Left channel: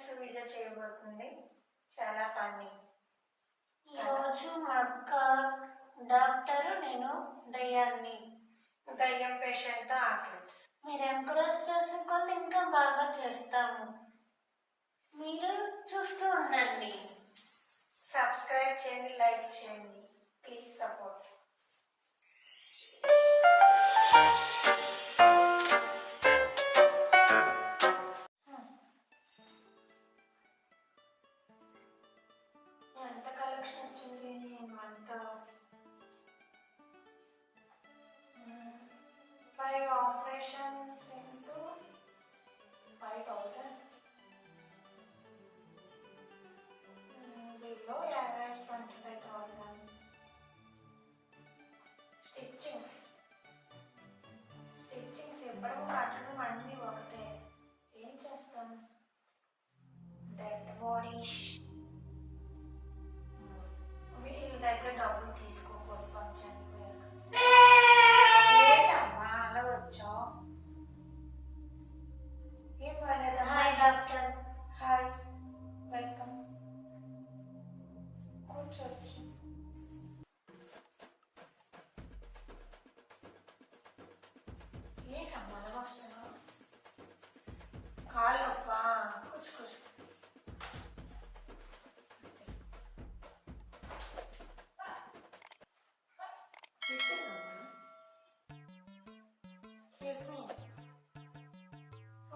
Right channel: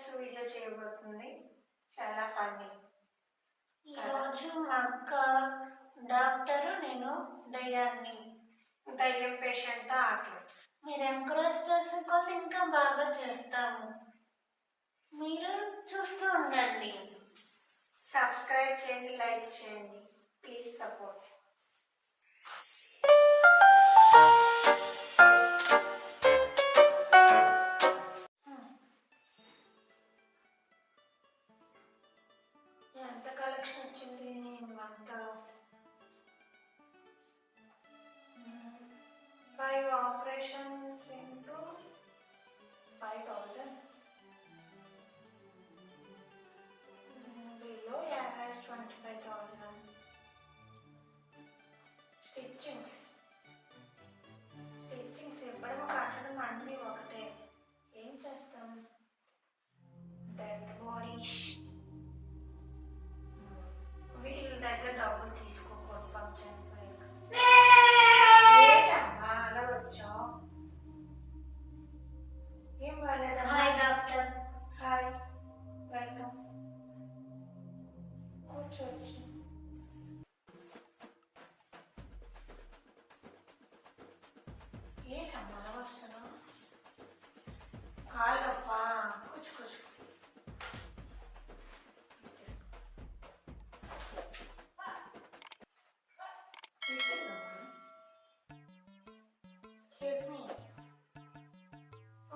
Experience video చేయబోతుంది. చాలా funny. ఈరోజు మా అక్క డాక్టరు, నేను దయ్యాన్ని. దయ్యం పేషెంట్తో ఆటలు. మీరు ఎంకరేజ్ చేసుకోవాలి, ఇంకా బాగా చేస్తాము. మీరు చూస్తూ ఉండండి. సబ్స్క్రైబ్ చేయండి, లైక్ చేయండి. Please support. ఎంత కలెక్షన్ వచ్చింది month? 5 operations into 5,000. Below average 25,000. Stitchings ఎప్పడం కట్టడం అన్నీ ఒకటే. ఏం చేస్తాం? Dead bodies. వీళ్ళ దగ్గర డబ్బులు తీసుకోకూడదు. ఫంక్షన్ ఏంటమ్మా అలా వచ్చావు? ఏం బాగాలేదమ్మా? Hi doctor. Hi, welcome. కూర్చోవచ్చు. ఏంటమ్మా అలా వస్తున్నావు? కాళ్ళప్పా, కూర్చో.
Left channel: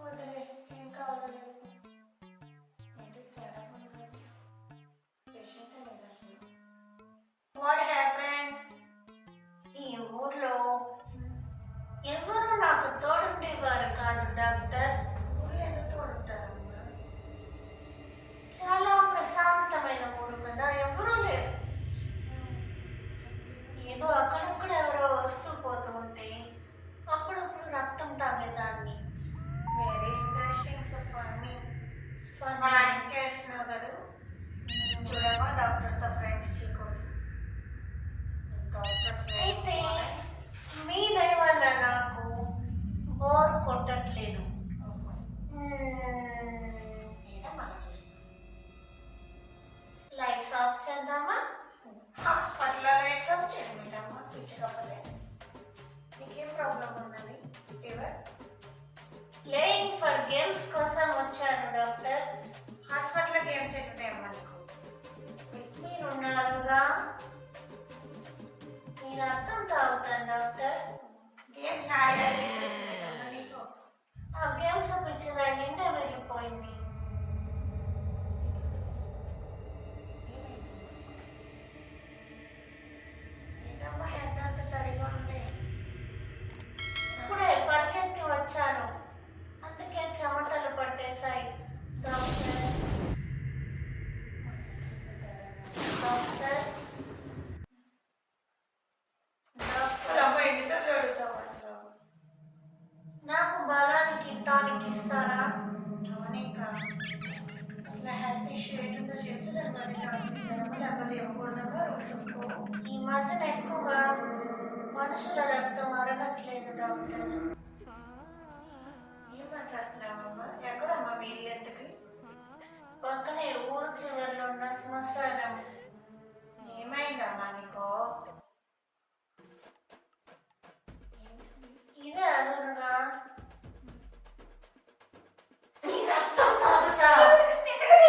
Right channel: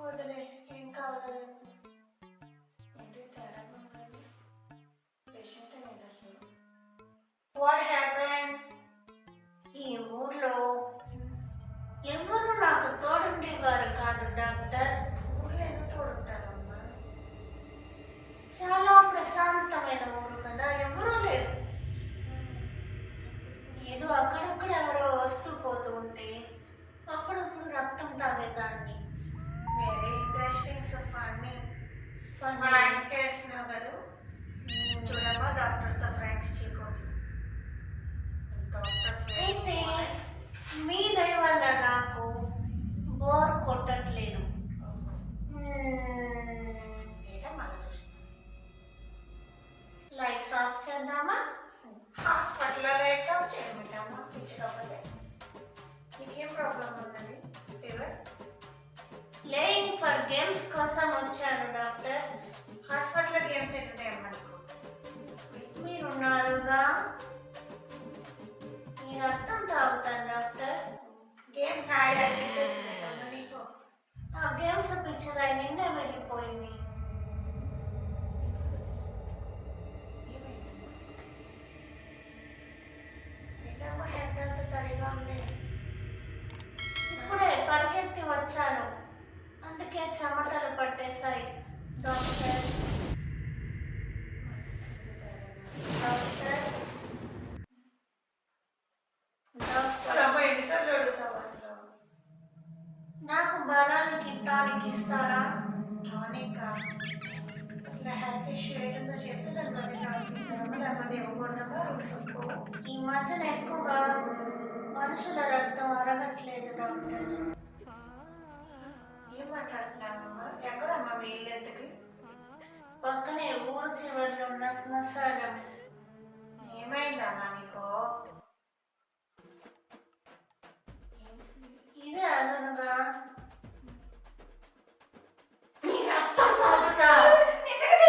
వదిలే, ఏం కావాలి? ఏంటి తేడా ఉన్నది? పేషెంట్ అనేది అసలు. What happened? ఈ ఊర్లో ఎవరు నాకు తోడుండేవారు కాదు డాక్టర్. ఊళ్ళో ఎందుకు తోడుంటారమ్మా? చాలా ప్రశాంతమైన ఊరు కదా, ఎవరూ లేరు. ఏదో అక్కడక్కడ ఎవరో వస్తూ పోతూ ఉంటే అప్పుడప్పుడు రక్తం తాగేదాన్ని. Very interesting. So funny. మా ఆయన చేస్తున్నావు కదా. చూడమ్మా, డాక్టర్స్తో ఫ్రెండ్స్ చేయకూడదు. డాక్టర్స్ అయితే మీ దయ వల్ల నాకు బోర్ కొట్టట్లేదు. లైట్స్ ఆఫ్ చేద్దామా? హాస్పిటల్లో లైట్స్ ఆఫ్ చేయడమేటమ్మా, పిచ్చి కప్పలే. నీకేం ప్రాబ్లం ఉన్నది? ఫీవర్? ప్లేయింగ్ ఫర్ గేమ్స్ కోసం వచ్చాను డాక్టర్. హాస్పిటల్లో గేమ్స్ ఎట్టుతాయమ్మా నీకు? మీరున్నారుగా, నేను రక్తం తాగుతాను డాక్టర్. గేమ్స్ ఆడాలి నీకు. ఆ గేమ్స్ పిచ్చిదా నిన్నే వెళ్ళిపోయింది. ఏంటమ్మా హెడ్ అంత తడిగా ఉంది? ఇప్పుడే పరిగెత్తి వచ్చాను, అందుకే చెమటలు పట్టేశాయి డాక్టర్. డాక్టర్ డాక్టర్ అమ్మ ఎన్నిసార్లు అడుగుతావు అసలు? నాకు బలానికి టానిక్ ఇస్తారా? టానిక్? అసలు హెల్త్ ఇష్యూ ఏంటో చెప్తే దాన్ని బట్టి టానిక్ ఇస్తామా, లేకపోతే ఇవ్వకూడదమ్మా? రూల్స్ ఒప్పుకో. ఈ మధ్యన ఎక్కువగా మనుషుల రక్తం అరగట్లేదు డాక్టర్. ఏం మాట్లాడుతున్నావమ్మా? ఎక్కడమ్మా మీ ఇల్లు ఎంతకి? పక్కనే ఊరు చివరిలో ఉన్న శ్మశానం. ఏమైందమ్మా నీకు? ఇదే అదనుగా నీ రక్తం తాగుతా. నిజంగా